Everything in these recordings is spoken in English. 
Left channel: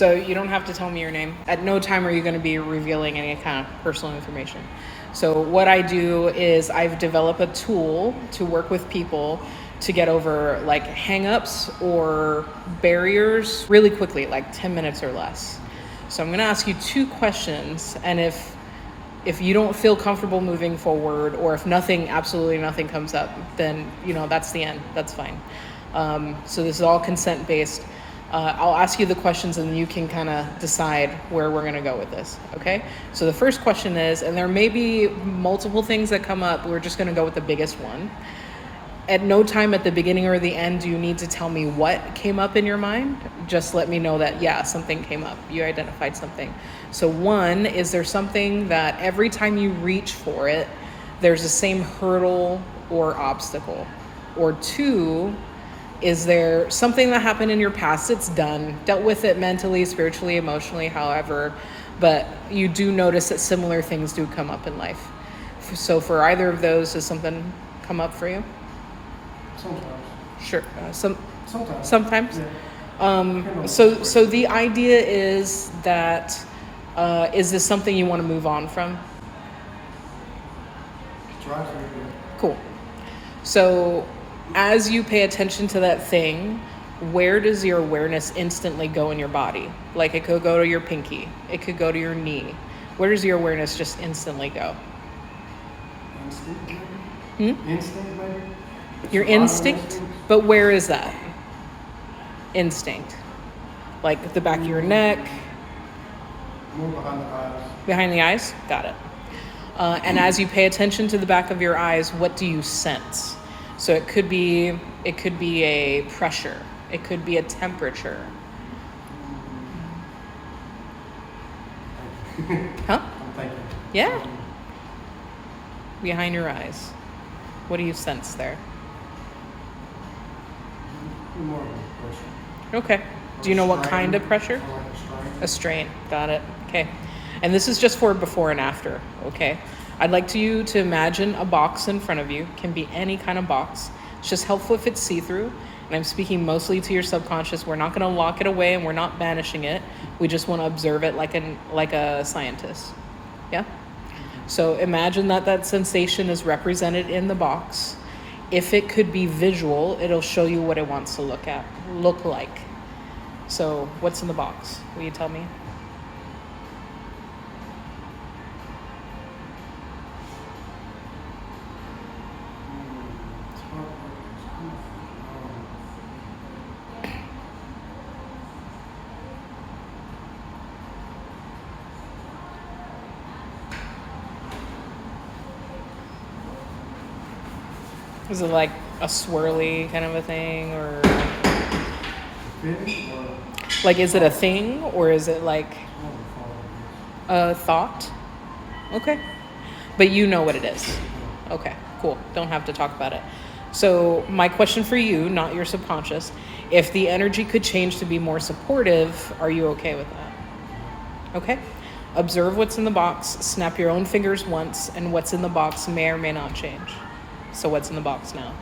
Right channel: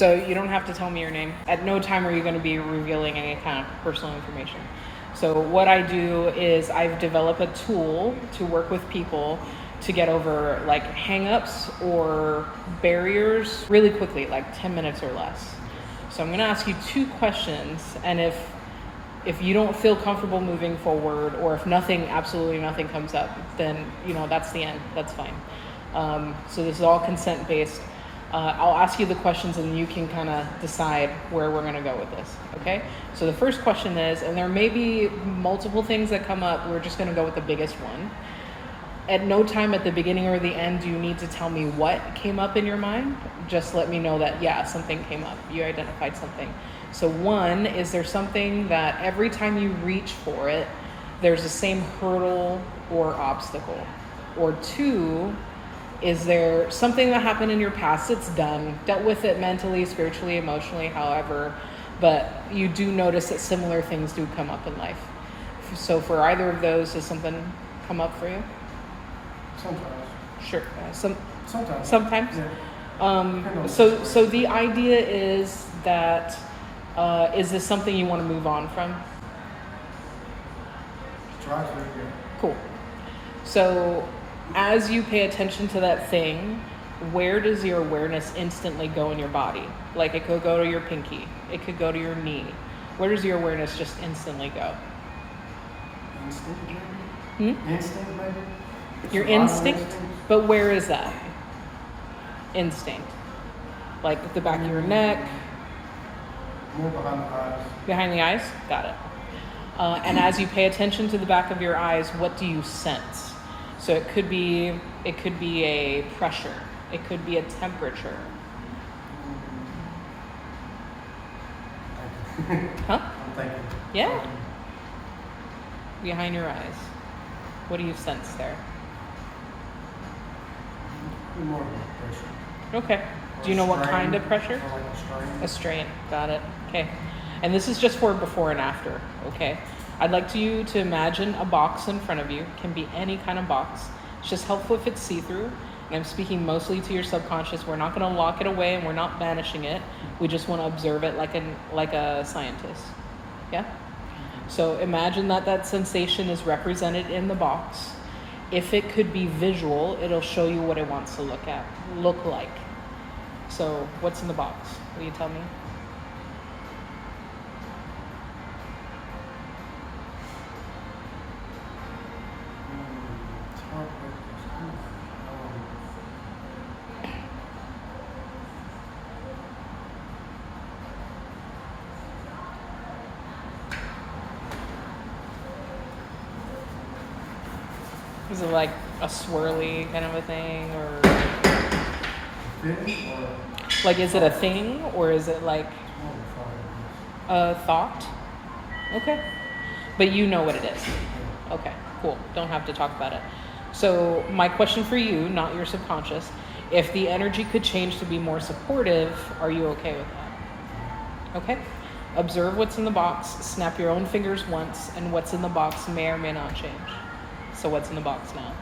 So you don't have to tell me your name. At no time are you going to be revealing any kind of personal information. So what I do is I've developed a tool to work with people to get over like hang-ups or barriers really quickly, like 10 minutes or less. So I'm going to ask you 2 questions, and if you don't feel comfortable moving forward, or if absolutely nothing comes up, then that's the end. That's fine. So this is all consent based. I'll ask you the questions and you can kind of decide where we're going to go with this. Okay. So the first question is, and there may be multiple things that come up, we're just going to go with the biggest one. At no time at the beginning or the end do you need to tell me what came up in your mind. Just let me know that, yeah, something came up. You identified something. So 1, is there something that every time you reach for it, there's the same hurdle or obstacle? Or 2, is there something that happened in your past that's done, dealt with it mentally, spiritually, emotionally, however, but you do notice that similar things do come up in life? So for either of those, does something come up for you? Sometimes. Sure. Sometimes. Sometimes? Yeah. So the idea is that, is this something you want to move on from? Try to, yeah. Cool. So as you pay attention to that thing, where does your awareness instantly go in your body? Like it could go to your pinky. It could go to your knee. Where does your awareness just instantly go? Instinct, maybe? Instinct, maybe? Your instinct? But where is that? Instinct. Like the back of your neck? More behind the eyes. Behind the eyes? Got it. And as you pay attention to the back of your eyes, what do you sense? So it could be a pressure. It could be a temperature. Huh? I'm thinking. Yeah. Behind your eyes. What do you sense there? More of a pressure. Okay. Do you know what kind of pressure? Or like a strain. A strain. Got it. Okay. And this is just for before and after. Okay. I'd like you to imagine a box in front of you. It can be any kind of box. It's just helpful if it's see-through. And I'm speaking mostly to your subconscious. We're not going to lock it away and we're not banishing it. We just want to observe it like a scientist. Yeah? So imagine that sensation is represented in the box. If it could be visual, it'll show you what it wants to look like. So what's in the box? Will you tell me? It's hard to Is it like a swirly kind of a thing, or Finish or like is it a thing, or is it like what we call a thought? Okay. But you know what it is. Okay, cool. Don't have to talk about it. So my question for you, not your subconscious, if the energy could change to be more supportive, are you okay with that? Okay. Observe what's in the box, snap your own fingers once, and what's in the box may or may not change. So what's in the box now?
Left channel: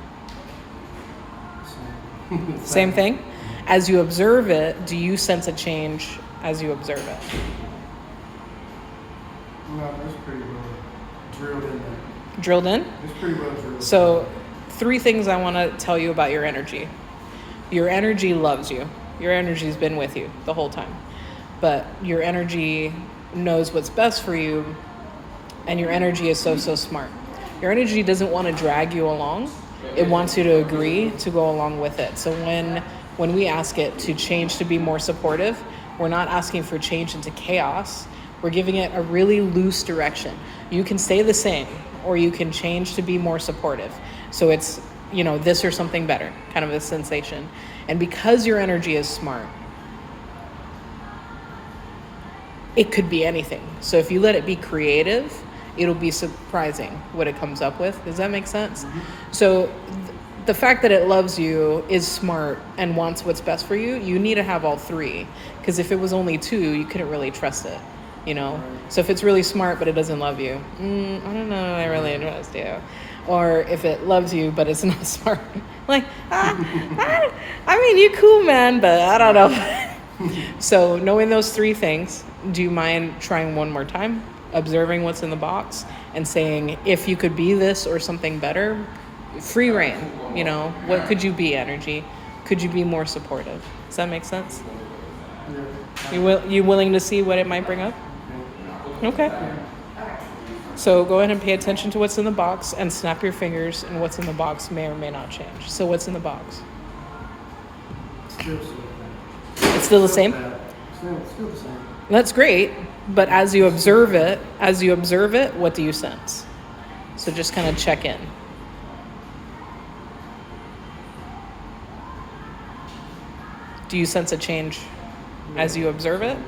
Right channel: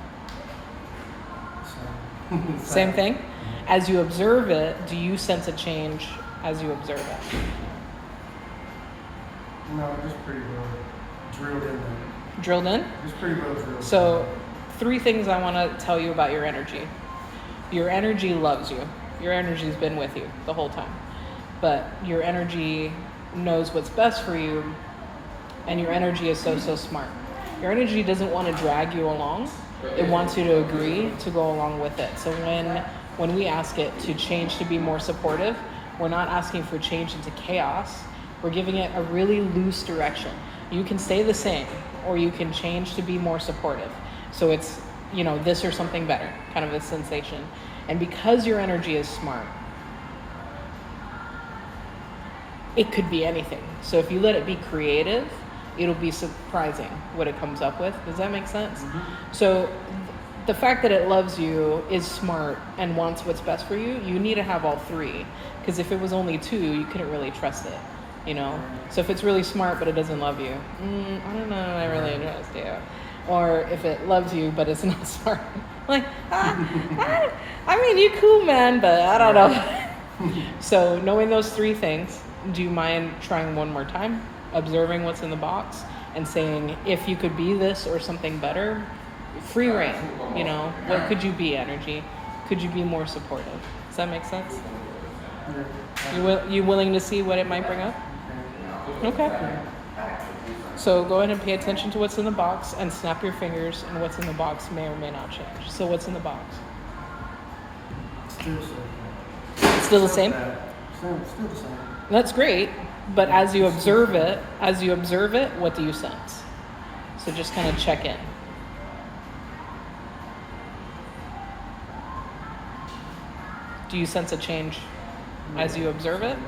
this. Same thing? As you observe it, do you sense a change as you observe it? No, it's pretty well drilled in there. Drilled in? It's pretty well drilled. So 3 things I want to tell you about your energy. Your energy loves you. Your energy's been with you the whole time. But your energy knows what's best for you, and your energy is so smart. Your energy doesn't want to drag you along. It wants you to agree to go along with it. So when we ask it to change to be more supportive, we're not asking for change into chaos. We're giving it a really loose direction. You can stay the same, or you can change to be more supportive. So it's, this or something better, kind of a sensation. And because your energy is smart, it could be anything. So if you let it be creative, it'll be surprising what it comes up with. Does that make sense? Mm-hmm. So the fact that it loves you, is smart, and wants what's best for you, you need to have all 3. Because if it was only 2, you couldn't really trust it, Right. So if it's really smart but it doesn't love you, I don't know, I really trust you. Or if it loves you but it's not smart, like, I mean, you're cool, man, but I don't know. So knowing those three things, do you mind trying one more time? Observing what's in the box and saying, if you could be this or something better, free reign, you know, what could you be, energy? Could you be more supportive? Does that make sense? Yeah. You willing to see what it might bring up? Okay. So go ahead and pay attention to what's in the box and snap your fingers, and what's in the box may or may not change. So what's in the box? Still so It's still the same? Still the same. That's great, but as you observe it, what do you sense? So just kind of check in. Do you sense a change as you observe it?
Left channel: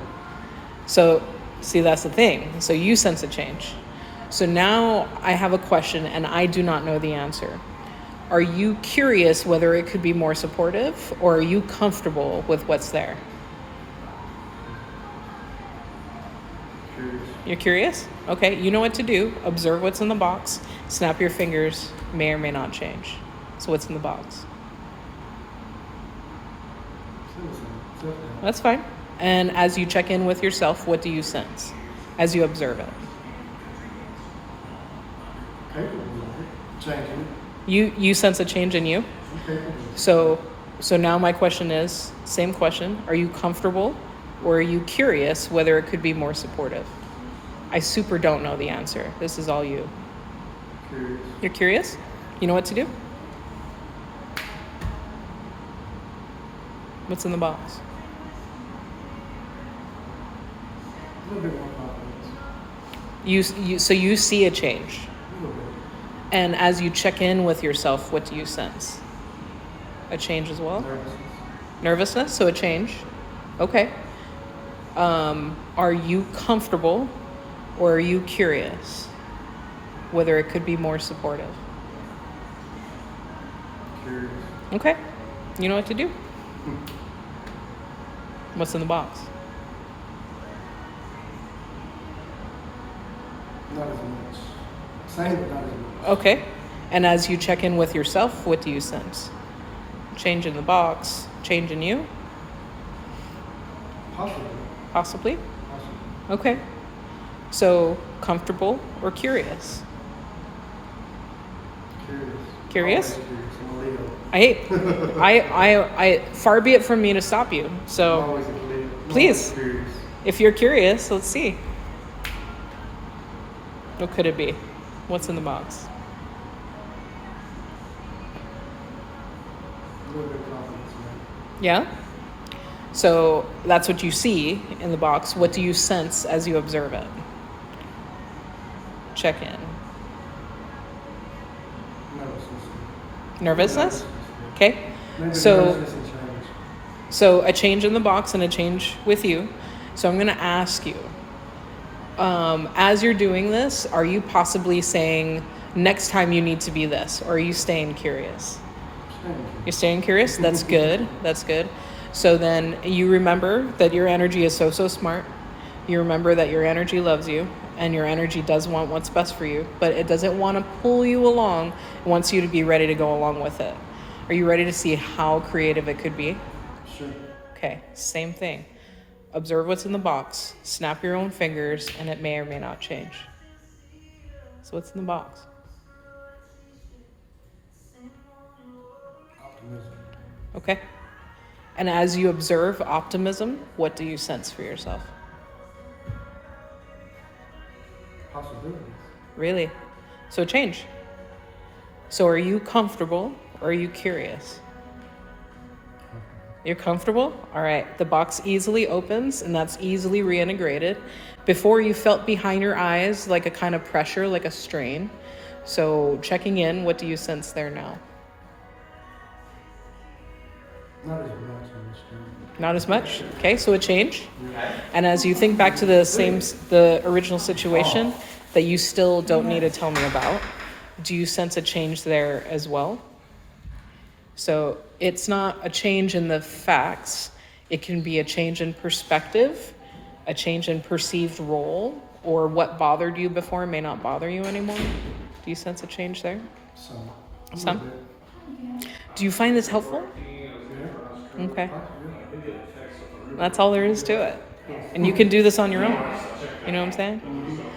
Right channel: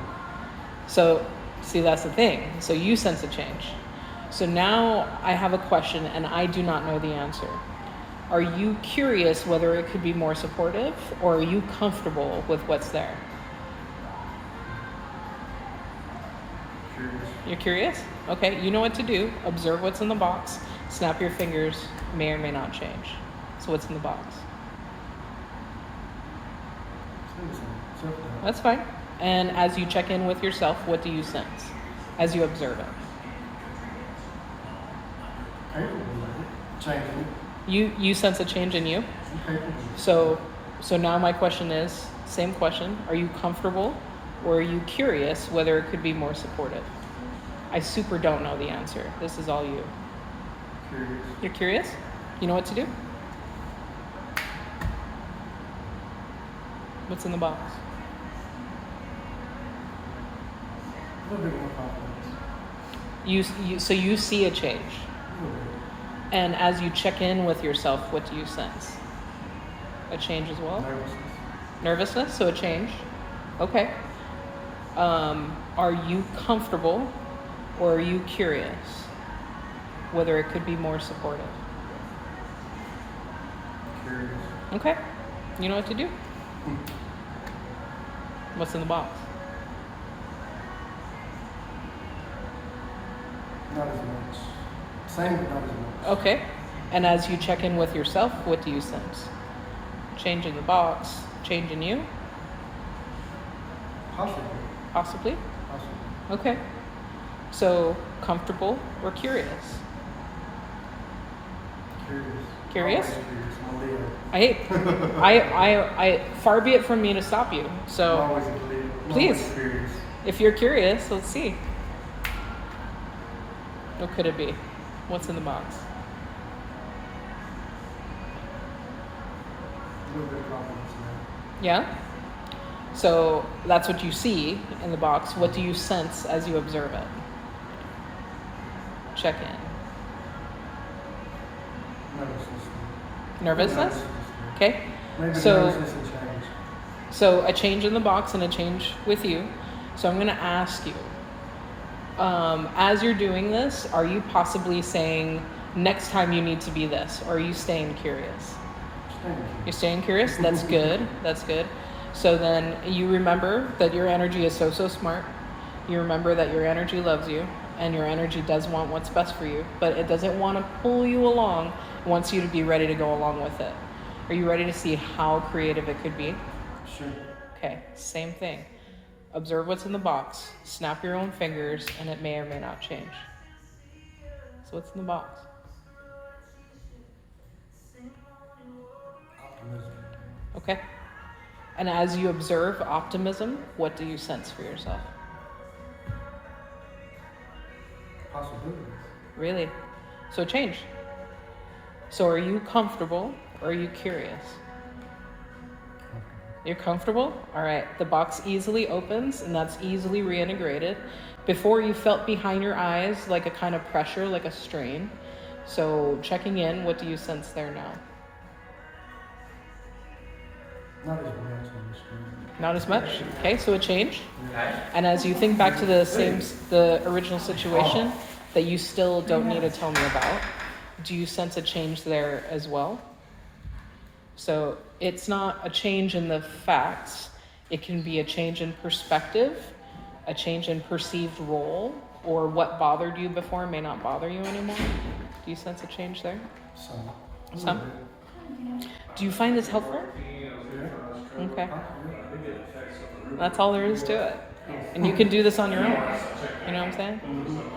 So, see, that's the thing. So you sense a change. So now I have a question and I do not know the answer. Are you curious whether it could be more supportive, or are you comfortable with what's there? Curious. You're curious? Okay, you know what to do. Observe what's in the box. Snap your fingers, may or may not change. So what's in the box? Still the same. Still the same. That's fine. And as you check in with yourself, what do you sense as you observe it? Capable of it. Changing. You sense a change in you? I'm capable of it. So now my question is, same question, are you comfortable, or are you curious whether it could be more supportive? I super don't know the answer. This is all you. Curious. You're curious? You know what to do? What's in the box? A little bit more confidence. So you see a change. A little bit. And as you check in with yourself, what do you sense? A change as well? Nervousness. Nervousness, so a change. Okay. Are you comfortable, or are you curious whether it could be more supportive? Curious. Okay. You know what to do? What's in the box? Not as much. Same, but not as much. Okay. And as you check in with yourself, what do you sense? Change in the box, change in you? Possibly. Possibly? Possibly. Okay. So, comfortable or curious? Curious. Curious? Always curious. I'm a Leo. I far be it from me to stop you. I'm So, always a Leo. I'm Please. always curious. if you're curious, let's see. What could it be? What's in the box? A little bit of confidence now. Yeah? So that's what you see in the box. What do you sense as you observe it? Check in. Nervousness. Nervousness? Okay. Maybe So- nervousness and change. So a change in the box and a change with you. So I'm going to ask you, as you're doing this, are you possibly saying next time you need to be this, or are you staying curious? Change. You're staying curious? That's good. That's good. So then you remember that your energy is so smart. You remember that your energy loves you, and your energy does want what's best for you, but it doesn't want to pull you along. It wants you to be ready to go along with it. Are you ready to see how creative it could be? Sure. Okay, same thing. Observe what's in the box, snap your own fingers, and it may or may not change. So what's in the box? Optimism. Okay. And as you observe optimism, what do you sense for yourself? Possibilities. Really? So change. So are you comfortable, or are you curious? You're comfortable? All right. The box easily opens, and that's easily reintegrated. Before, you felt behind your eyes like a kind of pressure, like a strain. So checking in, what do you sense there now? Not as much on the screen. Not as much. Okay, so a change. And as you think back to the original situation that you still don't need to tell me about, do you sense a change there as well? So it's not a change in the facts. It can be a change in perspective, a change in perceived role, or what bothered you before may not bother you anymore. Do you sense a change there? Some. A Some? little bit. Do you find this helpful? Yeah. Okay. Yeah. That's all there is to it. And you can do this on your own. You know what I'm saying?